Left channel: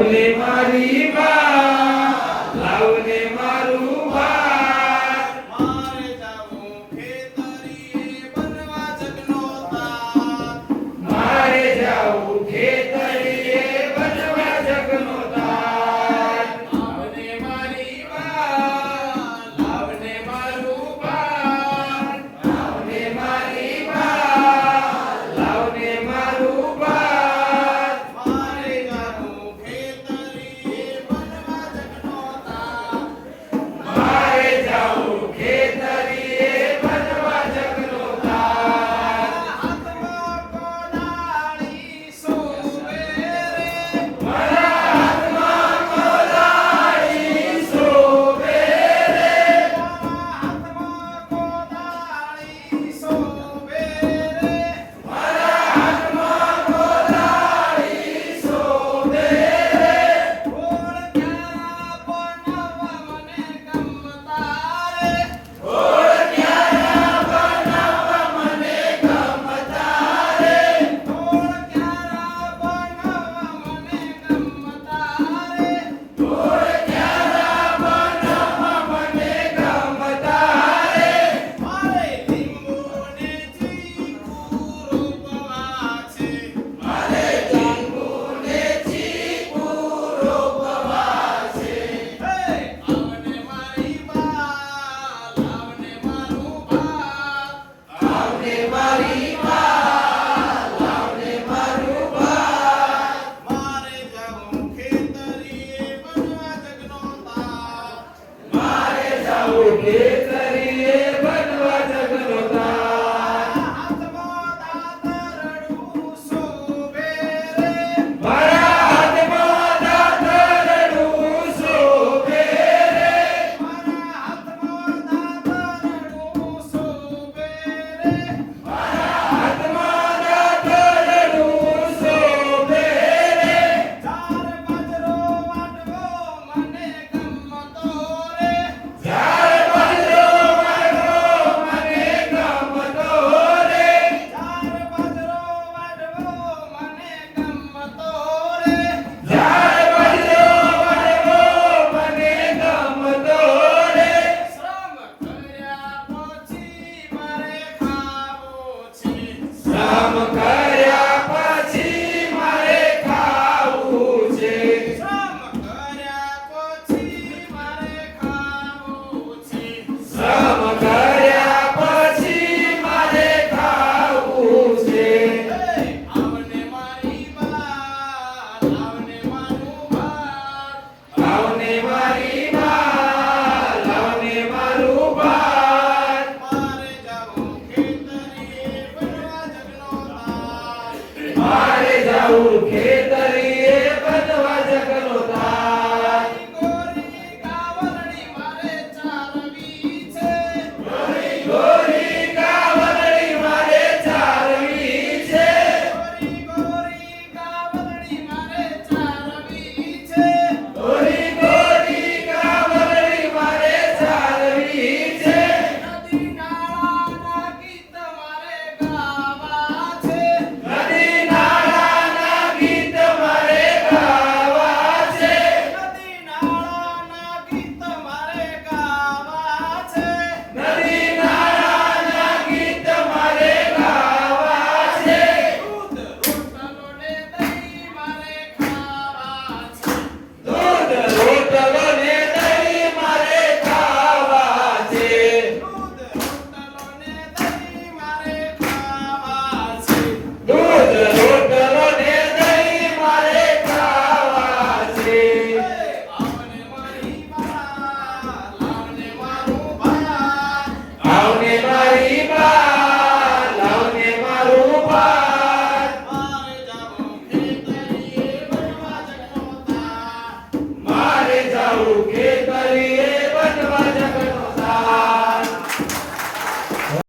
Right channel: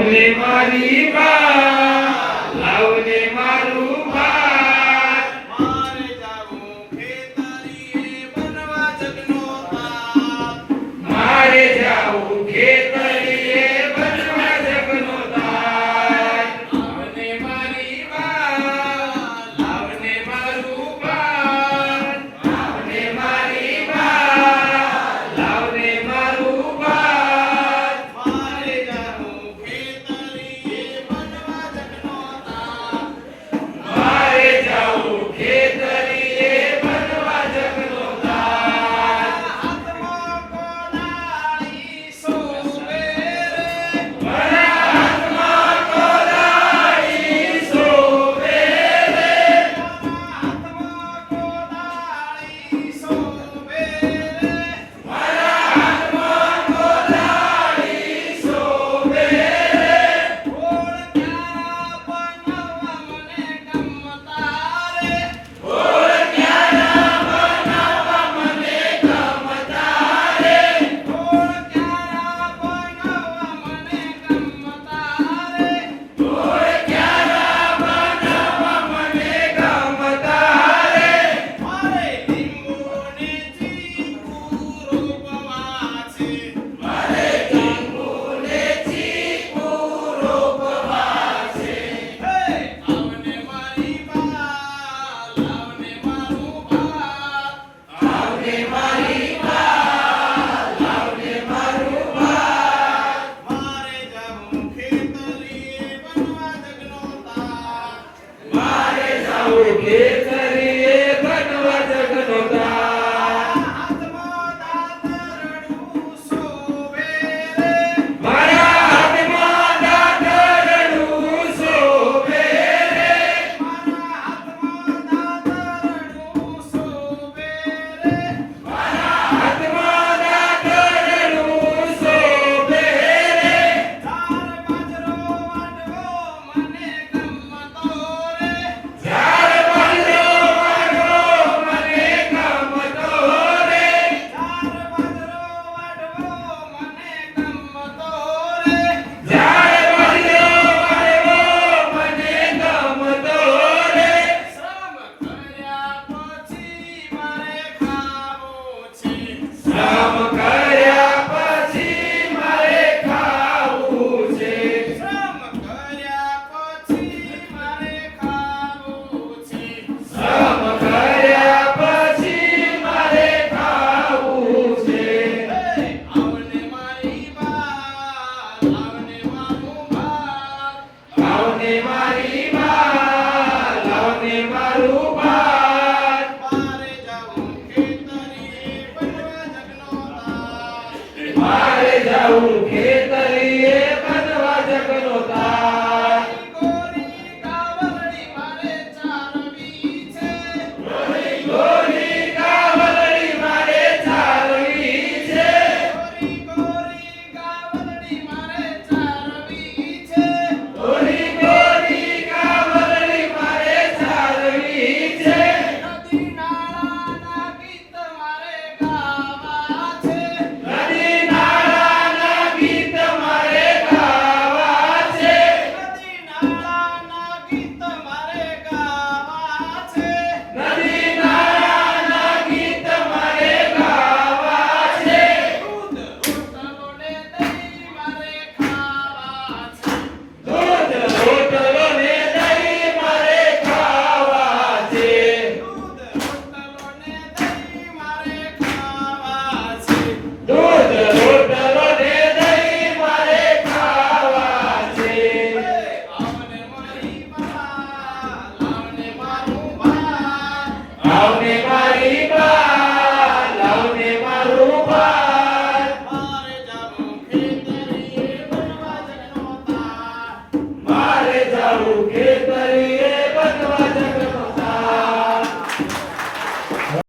લાવને મારી બા, લાવને મારું ભાત. મારે જાવું ખેતરીએ બનવા જગનો તાત. મારે જાવું ખેતરીએ બનવા જગનો તાત. લાવને મારી બા, લાવને મારું ભાત. લાવને મારી બા, લાવને મારું ભાત. મારે જાવું ખેતરીએ બનવા જગનો તાત. મારે જાવું ખેતરીએ બનવા જગનો તાત. હાથમાં કોદાળી શોભે રે. મારા હાથમાં કોદાળી શોભે રે. હાથમાં કોદાળી શોભે રે. મારા હાથમાં કોદાળી શોભે રે. ગોળ ક્યારા બનાવવા મને ગમતા રે. ગોળ ક્યારા બનાવવા મને ગમતા રે. ગોળ ક્યારા બનાવવા મને ગમતા રે. ગોળ ક્યારા બનાવવા મને ગમતા રે. મારે લીંબુ ને ચીકુ રોપવા છે. મારે લીંબુ ને ચીકુ રોપવા છે. લાવને મારી બા, લાવને મારું ભાત. લાવને મારી બા, લાવને મારું ભાત. મારે જાવું ખેતરીએ બનવા જગનો તાત. મારે જાવું ખેતરીએ બનવા જગનો તાત. હાથમાં દાતરડું શોભે રે. મારા હાથમાં દાતરડું શોભે રે. મારા હાથમાં દાતરડું શોભે રે. મારા હાથમાં દાતરડું શોભે રે. ઝાર બાજરો વાટવો મને ગમતો રે. ઝાડ બાજરો વાળવો મને ગમતો રે. ઝાર બાજરો વાટવો મને ગમતો રે. ઝાડ બાજરો વાળવો મને ગમતો રે. શ્રમ કર્યા પછી મારે ખાવું છે. શ્રમ કર્યા પછી મારે ખાવું છે. શ્રમ કર્યા પછી મારે ખાવું છે. શ્રમ કર્યા પછી મારે ખાવું છે. આવને મારી બા, લાવને મારું ભાત. લાવને મારી બા, લાવને મારું ભાત. મારે જાવું ખેતરીએ બનવા જગનો તાત. મારે